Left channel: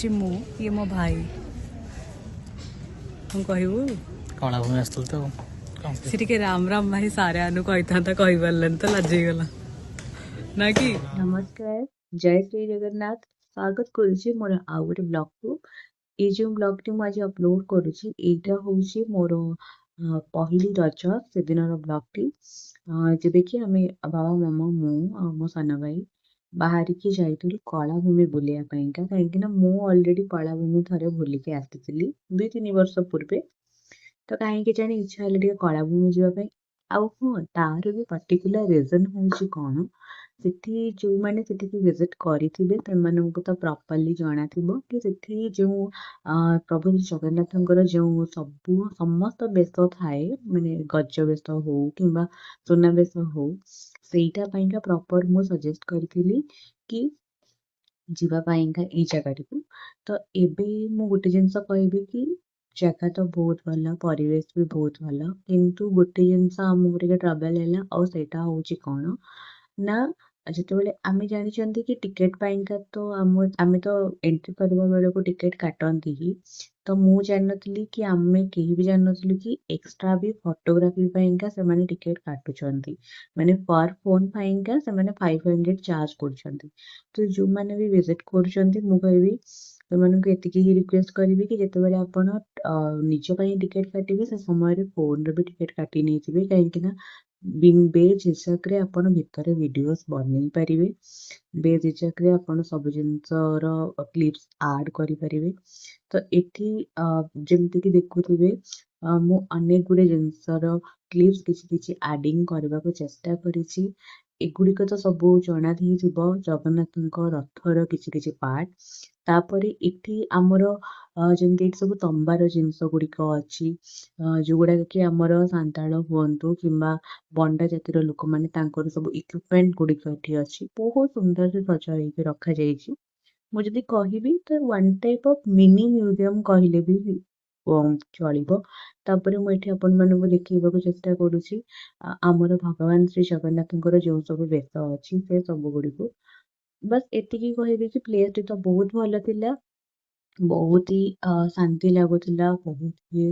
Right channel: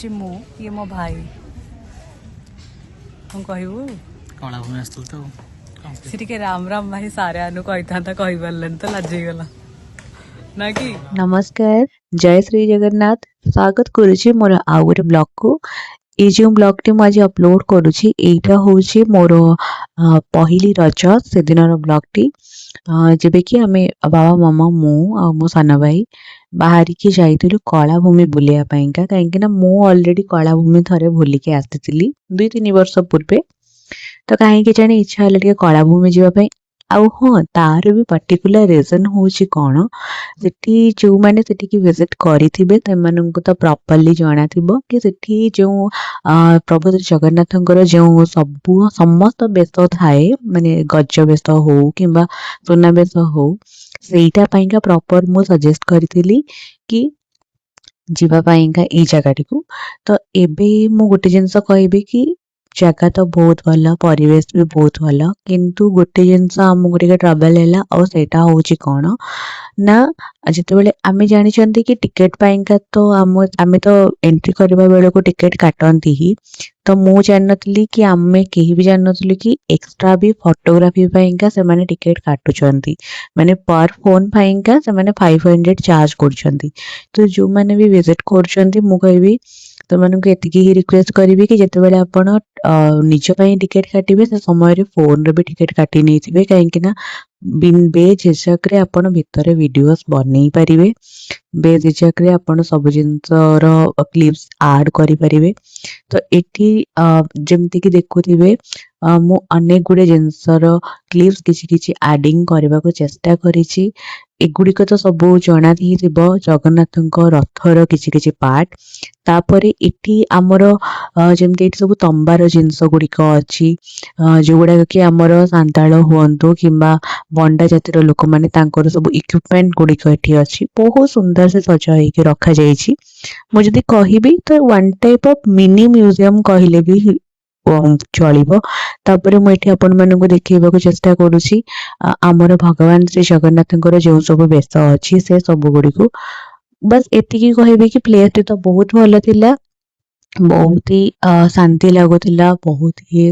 हूँ मु ये मो भाई हम कहबू कला भूमि आसल तो सी टे राम राम भाई सारे आनु कही था कही पार्लानी तो लाजि गला ना कि नमस्कार जय श्री जगन्नाथ स्वागत करुछि मोर आउ गोटे ब्लॉग को ये जो ब्लॉग टी आज अपलोड करुछि एटा होछि मोर पहिली रज से दिन ब्लॉग टी जेबे कि आमे बाबा मामा मु आ मो साना भाई बाहरी की जाइतिलु कलाभूमि बुलिया पाइंका काहेकि ना मु ऑलरेडी कलाभूमि थरे बुलिके आस्तिली 2-3 वर्ष पूर्वे तो कहीं जाने इच्छा है टे कलाभूमि जावाई आउ हाँ तार भी पर्टिकुलर रिजन होची कौन सेठी जो माने सेठी की विजिट करिथिबे तेमानंकु तो प्रॉपर्ली जाना थिबो कि सेठी जो प्रभु श्री जगन्नाथंकर जो सबु समस्त बेस थाए माने गज बेस हो किंबा सुना बेस हो सेटा पाइंका प्रॉपर मु सजेस्ट करिथिली कि जीवा पाइंका ए जगह को तो एबे मु गोटे जिंस कहबी कि जगह तो बहुत भल परिवेश भी बहुत भल किंतु गोटे जिनस आमको टे ट्रबल है और सेटा होची कौन ना जिते आमे जानी कि टिकेट पाइंका तो आमे तो एंट्री करबा बेले को टिकेट काटती ही तो मु जानी कि आमे कहीं भी जानी कि एक्स्ट्रा भी फोटोग्राफी पाइंका से माने टिकेट काटुचंती माने पर फोन पाइंका से माने 500 चार्ज करचंती तो जो माने भी विजिट करचंती मु कहबी तो मानक एतिकी ही रिक्वेस्ट करी कि जिते बेले आपण निज पई टिकेट काटिबे से समय रे फोन रे भी टिकेट काटी नै थिबे काहेकि ना बिन बेझिझक रे आपण भितरे वीडियोस बनै परिबे बेझिझक रे आपण सब जिंसर क्लिप्स ऐड करि परिबे तो एठी जेमति कि देखुथिबे मु अनेक गुडे जिनसर क्लिप्स किछि किछि एडिंग करबा को चेष्टा करिछि एगुड़िक तो सब जना ही थी जगन्नाथ रथर किछि किछि पार्ट तापरे इटी आमर जमती सब तंबार जिनस गुड़िक अच्छी जो गुड़ाक कि आमर सांताल हुंतु किंबा बंडा जातिर लोक माने तांकर सब इक्विपमेंट गुड़िक एठी अच्छी बहुत सुंदर से सजा होइके रखा जाइछि मु जदी कहिबी तो one type of mini museum कहले भी चलिबो तापरे मु एठी आपण मानको देखैबाको चेष्टा करूछि आमर भगवान श्री जगन्नाथंकर जो सब बेस अच्छी से सब गुड़ी को बस एतिकी कहबी कि प्लेस टी तो बहुत भल थिला बहुत ही शांति लागुथिला बहुत ही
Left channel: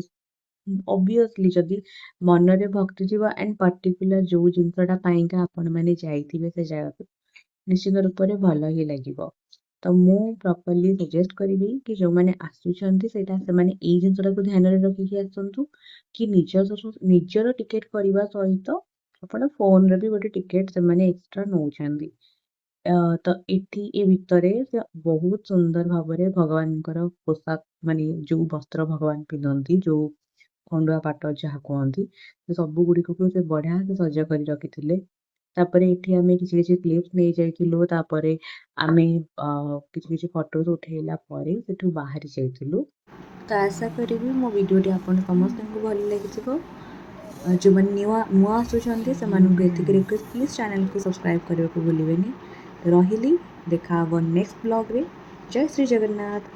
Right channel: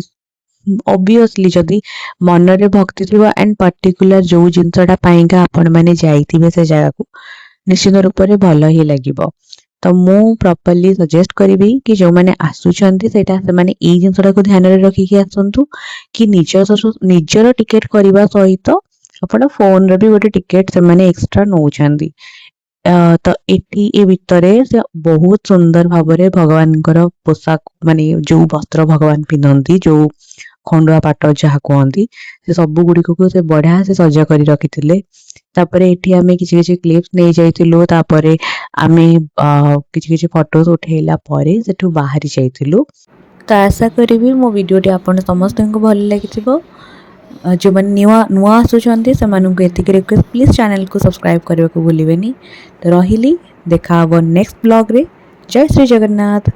ऑब्वियसली जदी मन रे भक्ति थिबा एंड पर्टिकुलर जो जिनसटा पाइंका आपण माने जाइथिबे से जगह को निश्चित रूप से भल ही लागिबो तो मु प्रॉपर्ली सजेस्ट करी कि जो मैंने आसुचंती सेटा से माने ए जिनसटा को ध्यान रे रखी कि आसंतु कि निजर टिकेट करबा सहित अपन फोन रे भी गोटे टिकेट से माने एक्स्ट्रा नौचंती तो एटी ए भितरे से बहुत सुंदर भाबरे भगवानकर पोशाक माने जो वस्त्र भगवान पिंधंती जो खंडुआ पाट जहाँ कहती से सब गुड़िक को से बढ़िया से सजा कर रखी तापरे एठी आमे किछि किछि क्लिप्स नै जाइतिलु तापरे आमे किछि किछि फोटोज उठेला परे सेठु बाहरी जाइतिलु तो आशा करी मो वीडियोटी आपण समस्त को भल लागिथिबो जो मन नुआ आसुचंती से मानक एतिक रिक्वेस्ट प्लीज चैनल को सब्सक्राइब करबा को भूलिबेनी तो रहिली देखा नेक्स्ट ब्लॉग रे जय श्री जगन्नाथ।